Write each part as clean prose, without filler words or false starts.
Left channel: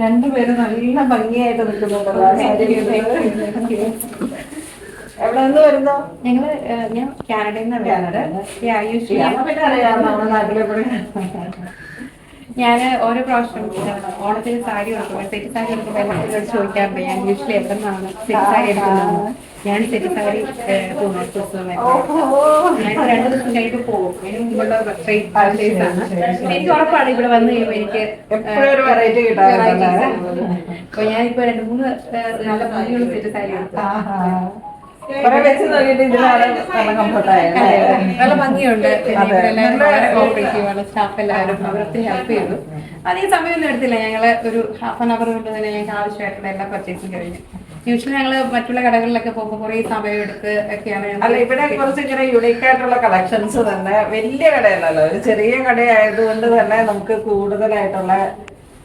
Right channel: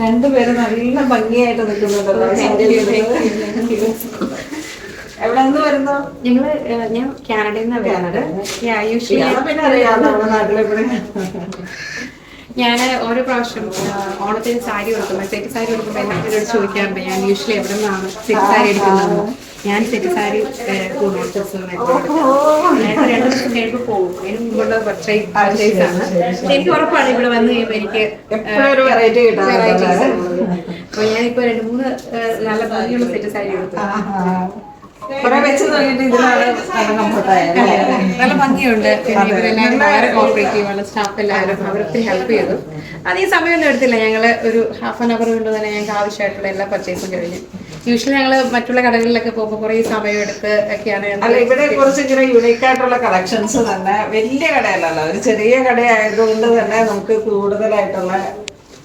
രണ്ടുപേരും നല്ല ഭംഗിയായിട്ട് നിൽക്കുന്നുണ്ടല്ലോ. എവിടെ നിന്ന് വരുന്നോ? ഞാൻ കാനഡയിൽ നിന്ന്. പിന്നെ അറിയാം നമ്മുടെ നാട്ടിലെവിടെ. ഞാൻ ഓരോ പ്രാവശ്യം ഓണത്തിന് സാരി കൊടുക്കുമ്പോൾ സെറ്റ് സാരി കൊടുക്കുമ്പോൾ എല്ലാവരോട് ചോദിക്കാറുണ്ട് ഞാൻ യൂഷ്വലി എവിടെ നിന്നാണ് സെറ്റ് സാരി എടുക്കുന്നത്. ഞാൻ സെറ്റ് സാരി രണ്ടു ദിവസം കഴിയുമ്പോൾ പോകും. അതിന് മുമ്പുള്ള പർച്ചേസ് ആണ്. എനിക്ക് ഉറപ്പാണ് ഇവിടെ വന്ന് കഴിയുമ്പോൾ എനിക്ക് എപ്പോഴും വെറൈറ്റി കിട്ടാറുണ്ട്. അപ്പൊ ഞാനിപ്പോ 2-3 നല്ല ഭംഗിയുള്ള സെറ്റ് സാരി എടുത്തു. വെച്ച് നോക്കിയിട്ട് ഇതിലാണ് നല്ല കംഫർട്ടായ, നല്ല ഭംഗിയുണ്ട്. പിന്നെ ഇവരെല്ലാവരും വളരെ കോപ്പറേറ്റീവ് ആണ്. സ്റ്റാഫ് എല്ലാവരും അവരൊത്തിരി ഹെൽപ്പ് ചെയ്തു. അതേ സമയമൊന്നും എടുത്തില്ല. ഞങ്ങള് ഒരു ഹാഫ് ആൻ അവർ കൊണ്ട് തന്നെ ഞങ്ങൾക്ക് ആവശ്യമായിട്ടുള്ള എല്ലാ പർച്ചേസും കഴിഞ്ഞു. യൂഷ്വലി ഞങ്ങൾ മറ്റുള്ള കടകളിലൊക്കെ പോകുമ്പോൾ കുറേ സമയം എടുത്ത് ഒക്കെയാണ്. അല്ല, ഇവിടെ കുറച്ച് ഇങ്ങനെ യൂണീക്ക് ആയിട്ടുള്ള കളക്ഷൻസ് തന്നെ. വലിയ കടയല്ലല്ലോ, ഒരു ചെറിയ കടയായതുകൊണ്ട് തന്നെ നമുക്ക് കൂടുതലായിട്ടുള്ള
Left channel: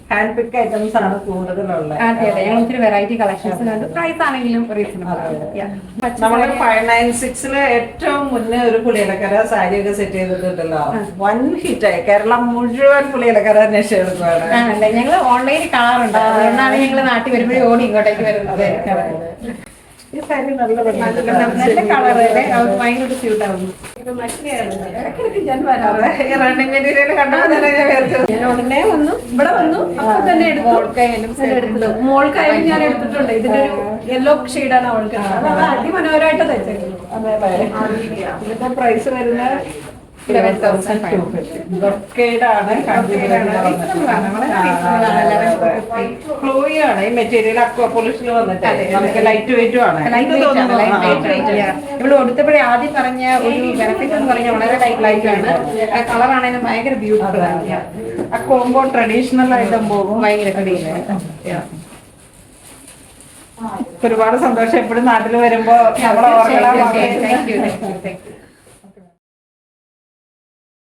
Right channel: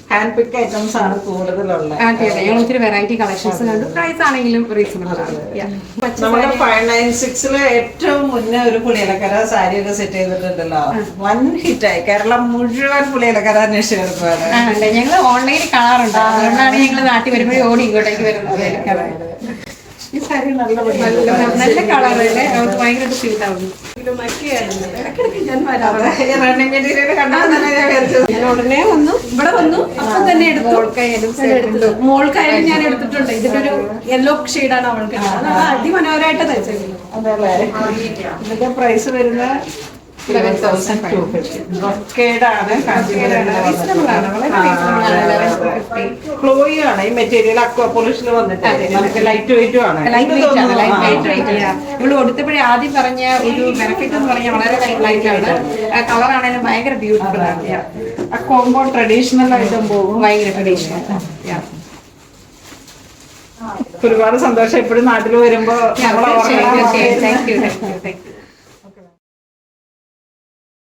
ഹാൻഡ് പിക്ക് ഐറ്റംസ് ആണ് കൂടുതലുള്ളത്. അതെ അതെ, ഞങ്ങൾ ഒത്തിരി വെറൈറ്റി കളക്ഷൻസ് കണ്ടു. പ്രൈസ് ആണെങ്കിലും റീസണബിൾ ആണ്. നമ്മുടെ 596 ഏറ്റവും മുന്നേ ഒരു പുളിയിലക്കര സാരിയൊക്കെ സെറ്റ് ചെയ്തിട്ടുണ്ടല്ലോ. വൻ ഹിറ്റായി. കേരളം മുഴുവൻ പുളിയിലക്കര അന്വേഷിച്ചെടുക്കുകയാണ്. ആണല്ലേ, ഞങ്ങൾ ഓൺലൈനിൽ കാണാറുണ്ട്. അതുകൊണ്ടാണ് ഞങ്ങൾ നാട്ടിൽ വരുമ്പോഴേ ഓടി ഇങ്ങോട്ടേക്ക് വരുന്നത്. ഈ സാരി നല്ല നല്ല കളർ അല്ലേ, അവർക്ക് ഭയങ്കരമായിട്ട് സ്യൂട്ട് ആവുന്നു. ഇടയ്ക്കിടയ്ക്ക് ഞാൻ വരാറ്. റണ്ണിങ് മെറ്റീരിയൽ കണ്ടാൽ തന്നെ ഞാൻ ഉടനെ വന്നു, ഇവിടെ വന്നു, അപ്പം തന്നെ എടുത്തു. മോൾക്കായാലും ഞാൻ എടുത്തിട്ടുണ്ട്. ഇതിന്റെ ഒരു യെല്ലോ ഷെയ്ഡാണ് അവൾക്ക്. അതാണ് അതിമനോഹരമായിട്ട് തയ്ച്ചേക്കുന്നത്. അതെല്ലേ. ഇതിന്റെ പ്രൈസ് വരുന്നത് 11,250. ഫ്ലോയി ആണ് ഈ മെറ്റീരിയൽ. അക്വാ പോളിഷിൽ വന്നിട്ട് നമുക്ക് ലൈറ്റ് വെയിറ്റും ആണ്. ഇവിടെ കൊടുത്തപ്പോഴേ ആദ്യം പറഞ്ഞ ഒരു ബെനിഫിറ്റ് എന്ന് പറഞ്ഞാൽ വളരെ ലൈറ്റ് ആണ്. കളർ ആണെങ്കിലും ഭയങ്കര ബ്യൂട്ടിഫുൾ ആണ്. ആ കോംബോ ട്രഡീഷണൽ ആയിട്ടും പോകും. ഭയങ്കര ട്രഡീഷണൽ. ഒരുപാട് സന്തോഷം. എപ്പോഴും നാട്ടിൽ വരുമ്പോ താങ്ക് യു.